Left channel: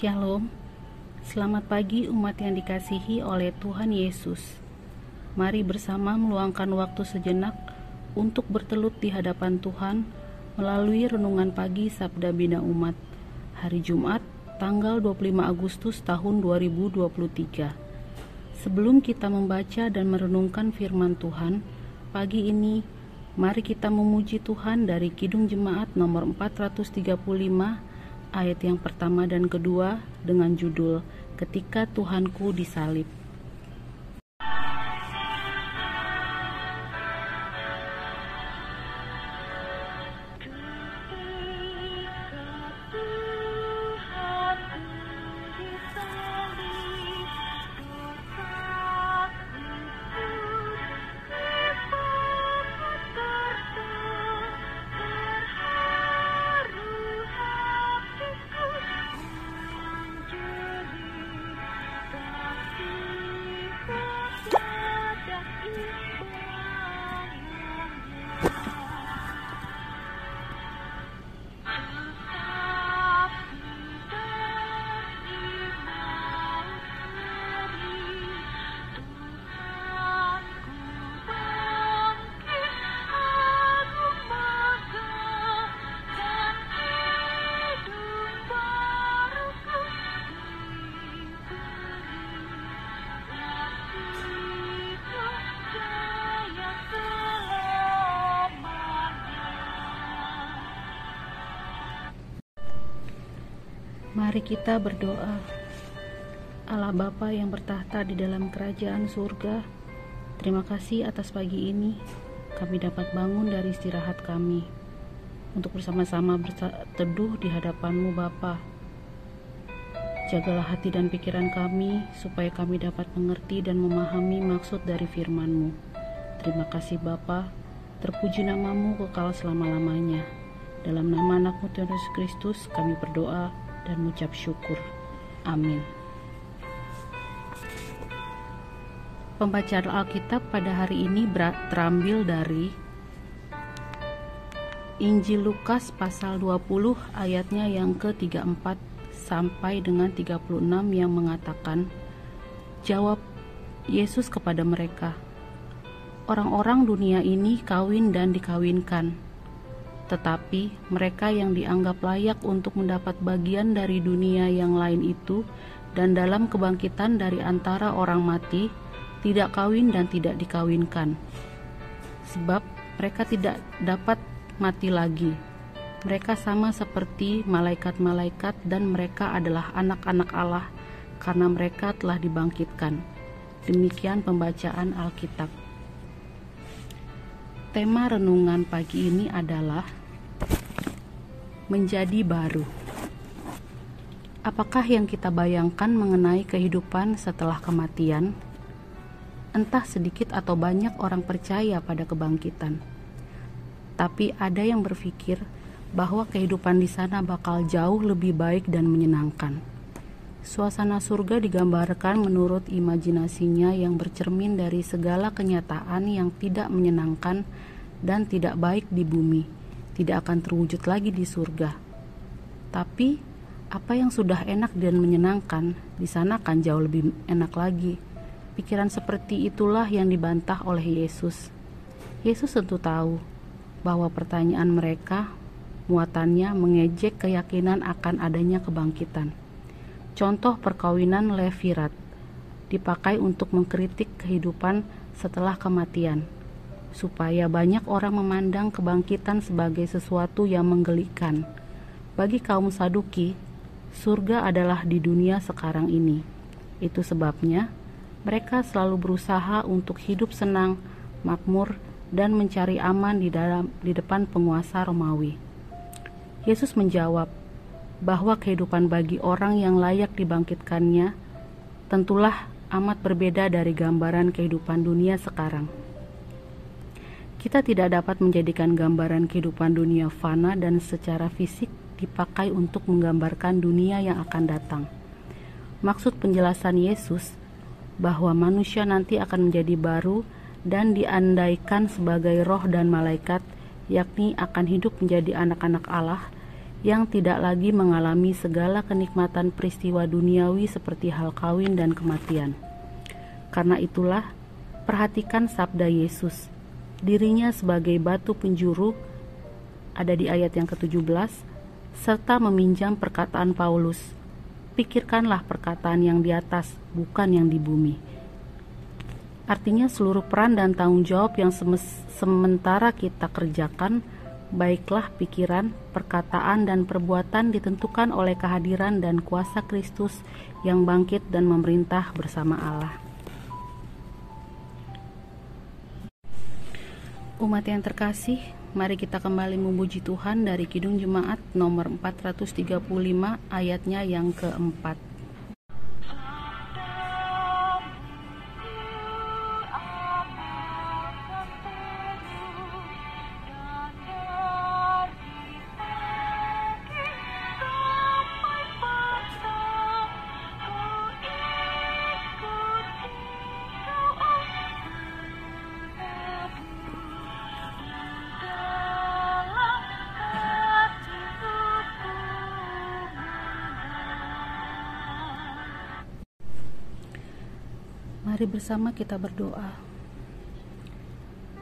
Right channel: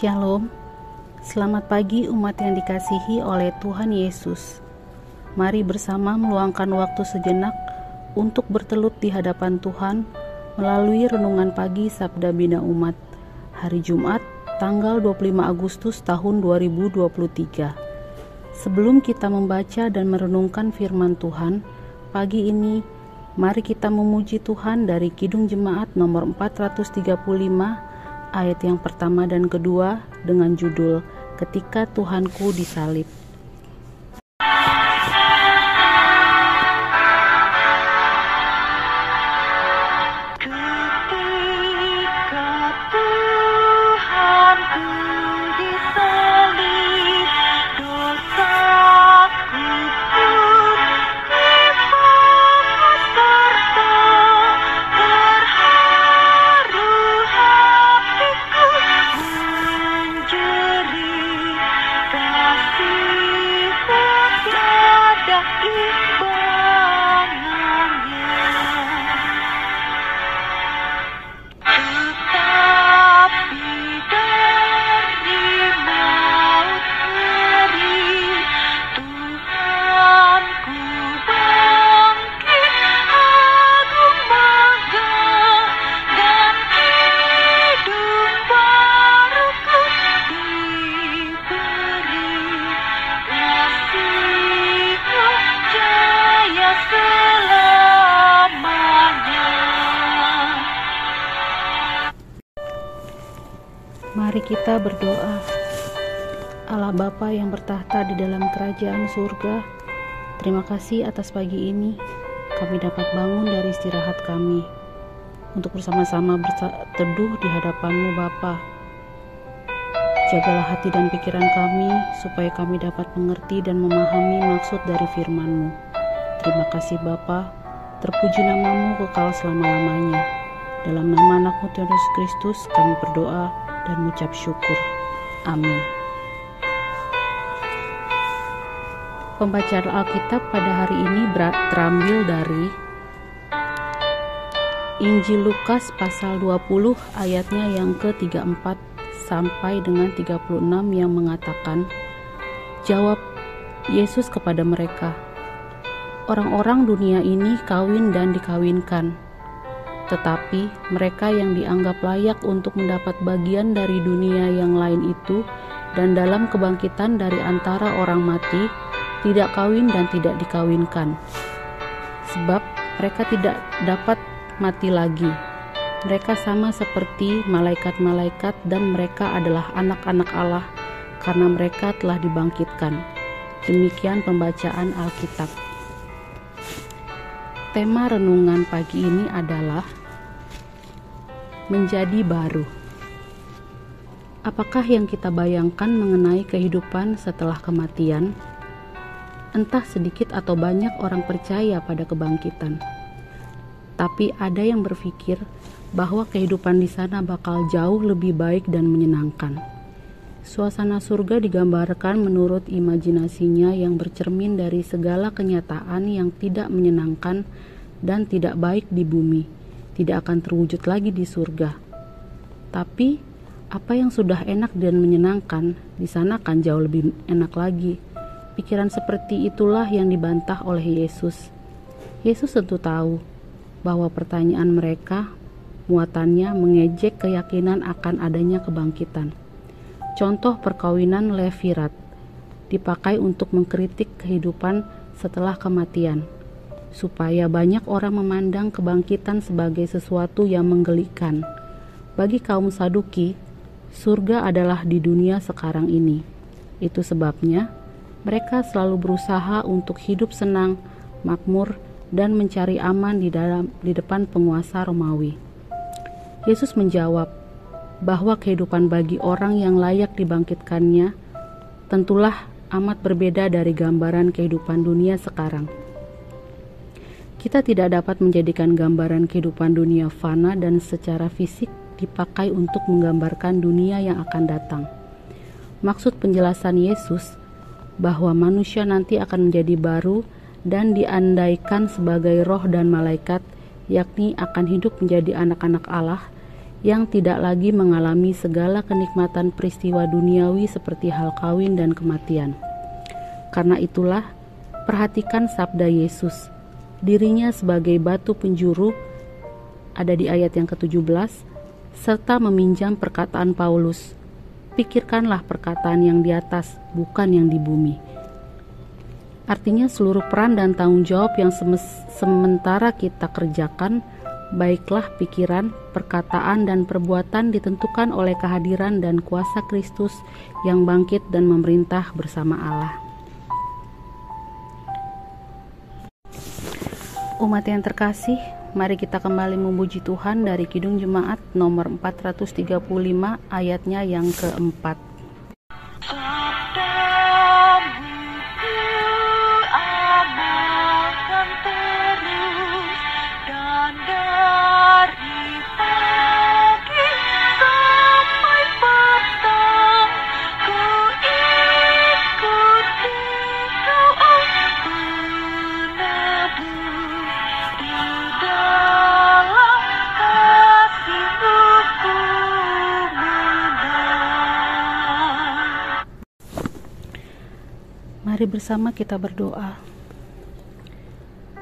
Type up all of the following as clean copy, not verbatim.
Shalom, selamat pagi umat yang dikasihi oleh Tuhan Yesus. Mari bersama meluangkan waktu sejenak untuk bertelut di hadapan Tuhan melalui renungan pagi Sabda Bina Umat, hari Jumat, tanggal 25 Agustus tahun 2023. Sebelum kita membaca dan merenungkan firman Tuhan, pagi ini mari kita memuji Tuhan dari Kidung Jemaat nomor 435 ayat yang pertama dan kedua dengan judul Ketika Tuhanku Disalib. Mari kita berdoa. Allah Bapa yang bertahta di dalam kerajaan surga, terima kasih atas pagi ini kami dapat bangun dari istirahat kami untuk bersama-sama berteduh di hadapan-Mu Bapa. Jagalah hati dan pikiran kami supaya kami dapat mengerti dan memahami maksud dari firman-Mu. Terima kasih Bapa, terpuji nama-Mu kekal selama-lamanya. Dalam nama anak-Mu Tuhan Yesus Kristus kami berdoa dan mengucap syukur. Amin. Pembacaan Alkitab pada hari ini terambil dari Injil Lukas pasal 20 ayatnya yang ke-34 sampai dengan 36 yang mengatakan, jawab Yesus kepada mereka, orang-orang dunia ini kawin dan dikawinkan, tetapi mereka yang dianggap layak untuk mendapat bagian dari dunia yang lain itu dan dalam kebangkitan dari antara orang mati tidak kawin dan tidak dikawinkan. Sebab mereka tidak dapat mati lagi. Mereka sama seperti malaikat-malaikat dan mereka adalah anak-anak Allah karena mereka telah dibangkitkan. Demikian pembacaan Alkitab. Tema renungan pagi ini adalah menjadi baru. Apakah yang kita bayangkan mengenai kehidupan setelah kematian? Entah sedikit atau banyak orang percaya pada kebangkitan. Tapi ada yang berpikir bahwa kehidupan di sana bakal jauh lebih baik dan menyenangkan. Suasana surga digambarkan menurut imajinasinya yang bercermin dari segala kenyataan yang tidak menyenangkan dan tidak baik di bumi. Tidak akan terwujud lagi di surga. Tapi apa yang sudah enak dan menyenangkan di sana akan jauh lebih enak lagi. Pikiran seperti itulah yang dibantah oleh Yesus. Yesus tentu tahu bahwa pertanyaan mereka muatannya mengejek keyakinan akan adanya kebangkitan. Contoh perkawinan Levirat dipakai untuk mengkritik kehidupan setelah kematian, supaya banyak orang memandang kebangkitan sebagai sesuatu yang menggelikan. Bagi kaum Saduki, surga adalah di dunia sekarang ini. Itu sebabnya mereka selalu berusaha untuk hidup senang, makmur, dan mencari aman di depan penguasa Romawi. Yesus menjawab bahwa kehidupan bagi orang yang layak dibangkitkannya tentulah amat berbeda dari gambaran kehidupan dunia sekarang. Kita tidak dapat menjadikan gambaran kehidupan dunia fana dan secara fisik dipakai untuk menggambarkan dunia yang akan datang. Maksud penjelasan Yesus bahwa manusia nanti akan menjadi baru dan diandaikan sebagai roh dan malaikat, yakni akan hidup menjadi anak-anak Allah, yang tidak lagi mengalami segala kenikmatan peristiwa duniawi seperti hal kawin dan kematian. Karena itulah, perhatikan sabda Yesus, dirinya sebagai batu penjuru, ada di ayat yang ke-17, serta meminjam perkataan Paulus, pikirkanlah perkataan yang di atas, bukan yang di bumi. Artinya seluruh peran dan tanggung jawab yang sementara kita kerjakan, baiklah pikiran, perkataan, dan perbuatan ditentukan oleh kehadiran dan kuasa Kristus yang bangkit dan memerintah bersama Allah. Umat yang terkasih, mari kita kembali memuji Tuhan dari Kidung Jemaat nomor 435 ayatnya yang keempat. Mari bersama kita berdoa.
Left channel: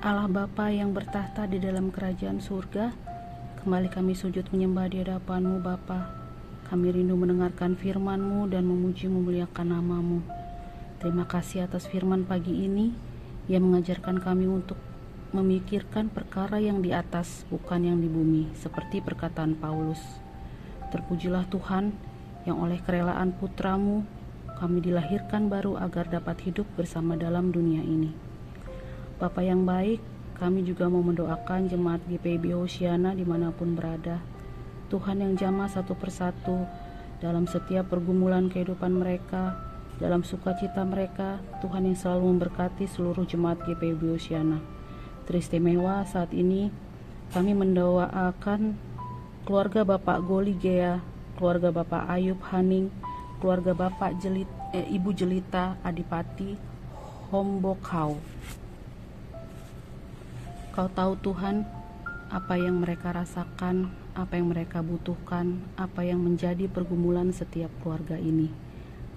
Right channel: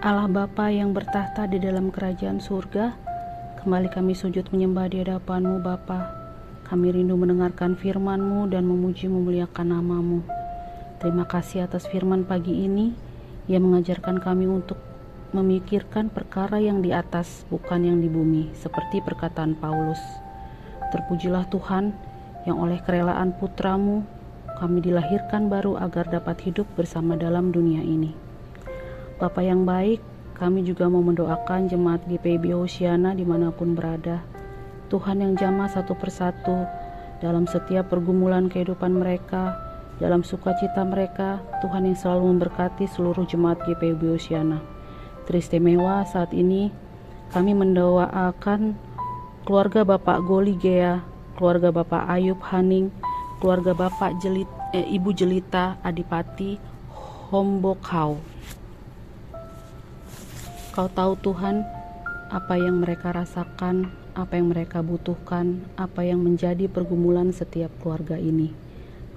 Allah Bapa yang bertahta di dalam kerajaan surga, kembali kami sujud menyembah di hadapan-Mu Bapa. Kami rindu mendengarkan firman-Mu dan memuji memuliakan nama-Mu. Terima kasih atas firman pagi ini yang mengajarkan kami untuk memikirkan perkara yang di atas, bukan yang di bumi, seperti perkataan Paulus. Terpujilah Tuhan yang oleh kerelaan putra-Mu kami dilahirkan baru agar dapat hidup bersama dalam dunia ini. Bapa yang baik, kami juga mau mendoakan jemaat GPIB Hosiana dimanapun berada. Tuhan yang jamah satu persatu dalam setiap pergumulan kehidupan mereka, dalam sukacita mereka, Tuhan yang selalu memberkati seluruh jemaat GPIB Hosiana. Teristimewa saat ini kami mendoakan keluarga Bapak Goli Gea, keluarga Bapak Ayub Haning, keluarga Bapak Ibu Jelita Adipati Hombokau. Kau tahu Tuhan apa yang mereka rasakan, apa yang mereka butuhkan, apa yang menjadi pergumulan setiap keluarga ini.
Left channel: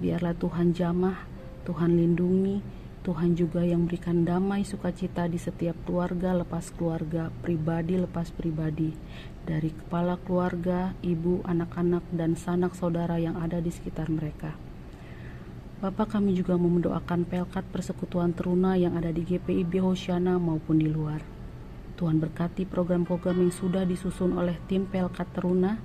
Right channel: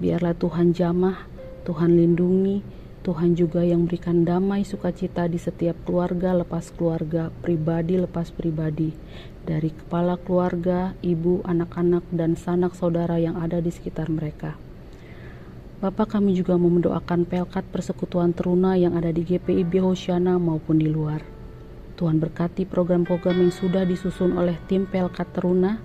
Biarlah Tuhan jamah, Tuhan lindungi, Tuhan juga yang berikan damai sukacita di setiap keluarga lepas keluarga, pribadi lepas pribadi, dari kepala keluarga, ibu, anak-anak, dan sanak saudara yang ada di sekitar mereka. Bapak, kami juga mau mendoakan Pelkat Persekutuan Teruna yang ada di GPIB Hosiana maupun di luar. Tuhan berkati program-program yang sudah disusun oleh tim Pelkat Teruna,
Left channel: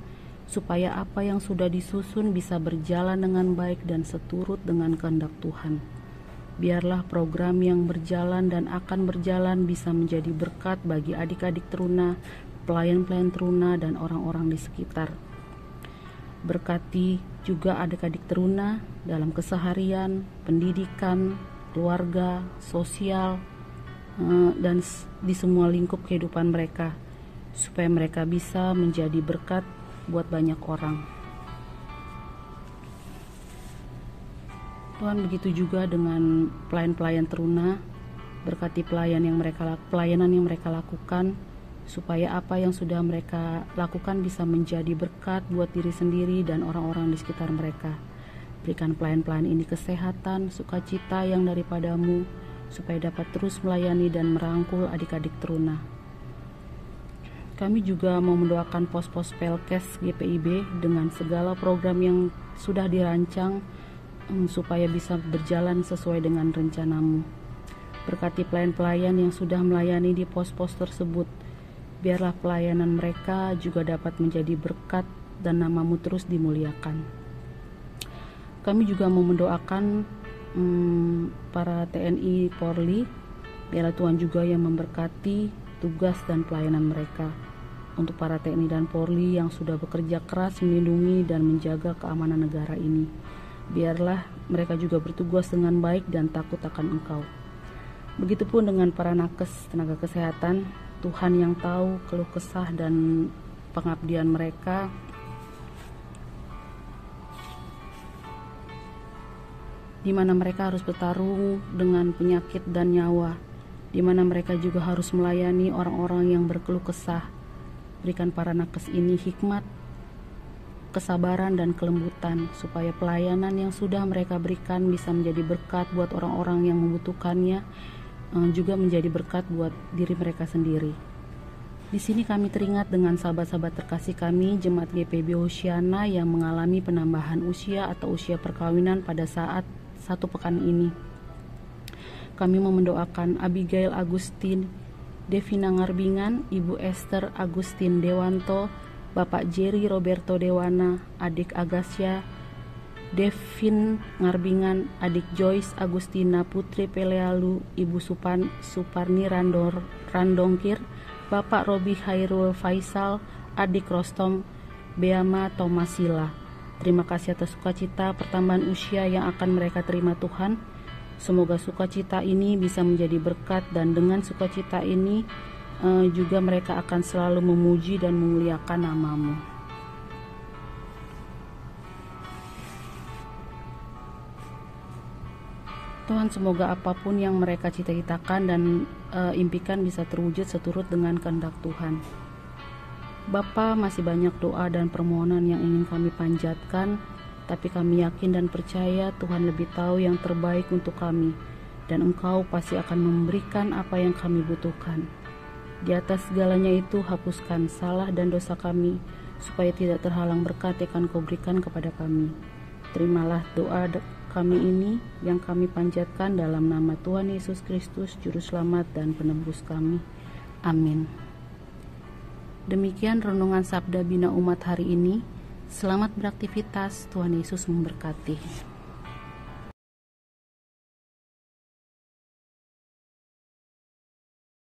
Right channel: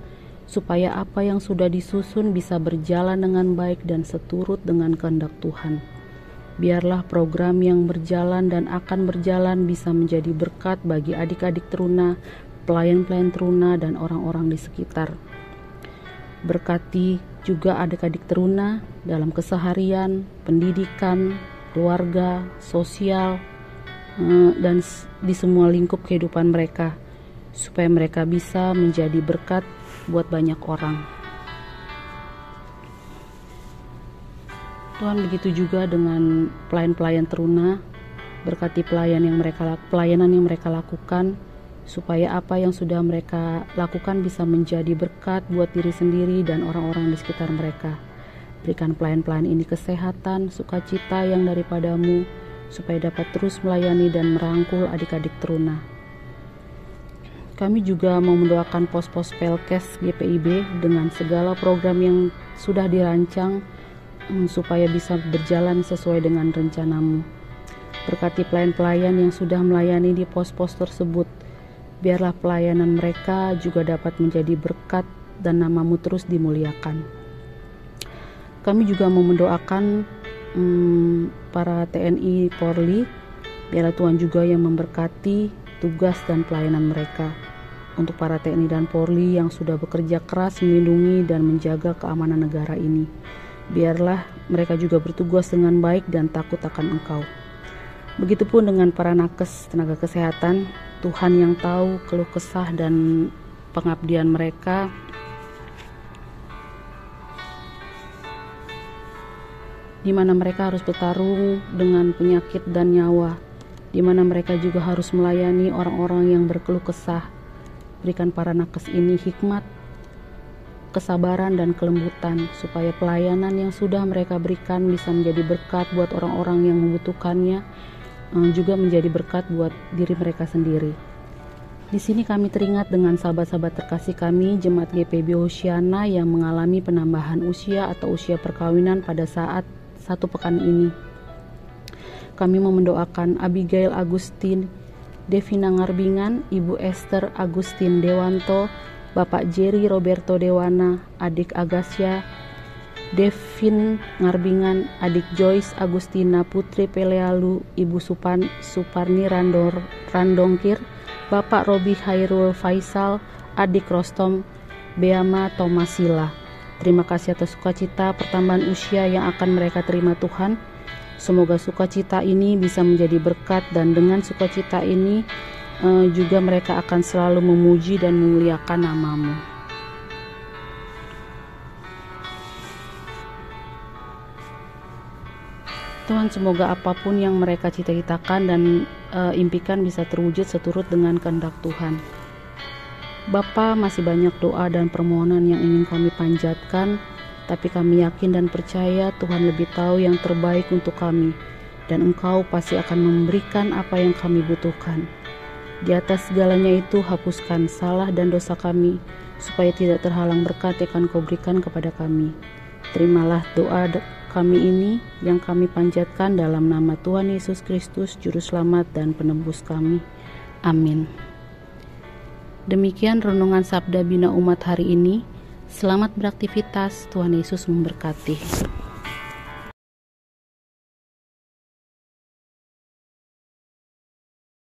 supaya apa yang sudah disusun bisa berjalan dengan baik dan seturut dengan kehendak Tuhan. Biarlah program yang berjalan dan akan berjalan bisa menjadi berkat bagi adik-adik Teruna, pelayan-pelayan Teruna, dan orang-orang di sekitar. Berkati juga adik-adik Teruna dalam keseharian, pendidikan, keluarga, sosial, dan di semua lingkup kehidupan mereka, supaya mereka bisa menjadi berkat buat banyak orang. Tuhan, begitu juga dengan pelayan-pelayan Teruna, berkati pelayanan yang mereka lakukan, supaya apa yang sudah mereka lakukan bisa menjadi berkat buat diri sendiri dan orang-orang di sekitar mereka. Berikan pelayan-pelayan ini kesehatan, sukacita yang daripada-Mu, supaya dapat terus melayani dan merangkul adik-adik Teruna. Kami juga mau mendoakan pos-pos Pelkes GPIB dengan segala program yang sudah dirancang, supaya bisa berjalan sesuai dengan rencana-Mu. Berkati pelayan-pelayan yang sudah melayani di pos-pos tersebut. Biarlah pelayanan mereka juga dapat menjadi berkat dan nama-Mu terus dimuliakan. Kami juga mau mendoakan para TNI Polri. Biarlah Tuhan juga yang memberkati tugas dan pelayanan mereka. Untuk para TNI dan Polri yang sudah bekerja keras melindungi dan menjaga keamanan negara ini, biarlah mereka juga bertugas dengan baik dan takut akan Engkau. Begitupun dengan para nakes tenaga kesehatan, Tuhan yang tahu keluh kesah dan pengabdian mereka. Di mana mereka harus bertarung dengan penyakit dan nyawa, di mana mereka juga harus melayani orang-orang yang berkeluh kesah. Berikan para nakes ini hikmat, kesabaran dan kelembutan, supaya pelayanan yang sudah mereka berikan bisa menjadi berkat buat orang-orang yang membutuhkannya, juga menjadi berkat buat diri mereka sendiri. Di sini kami teringat dengan sahabat-sahabat terkasih kami, Jemaat GPB Hosiana yang mengalami penambahan usia atau usia perkawinan pada saat 1 pekan ini. Kami mau mendoakan Abigail Agustin, Devina Ngarbingan, Ibu Esther Agustin Dewanto, Bapak Jerry Roberto Dewana, adik Agasya, Devin Ngarbingan, adik Joyce Agustina Putri Pelealu, Ibu Suparni Randongkir, Bapak Robi Hairul Faisal, adik Rostom Beama Tomasila. Terima kasih atas sukacita pertambahan usia yang akan mereka terima Tuhan. Semoga sukacita ini bisa menjadi berkat, dan dengan sukacita ini juga mereka akan selalu memuji dan memuliakan nama-Mu. Tuhan, semoga apapun yang mereka cita-citakan dan impikan bisa terwujud seturut dengan kehendak Tuhan. Bapa, masih banyak doa dan permohonan yang ingin kami panjatkan, tapi kami yakin dan percaya Tuhan lebih tahu yang terbaik untuk kami, dan Engkau pasti akan memberikan apa yang kami butuhkan. Di atas segalanya itu, hapuskan salah dan dosa kami, supaya tidak terhalang berkat yang akan Kau berikan kepada kami. Terimalah doa kami ini yang kami panjatkan dalam nama Tuhan Yesus Kristus, Juru Selamat dan Penebus kami. Amin. Demikian renungan Sabda Bina Umat hari ini. Selamat beraktivitas, Tuhan Yesus memberkati.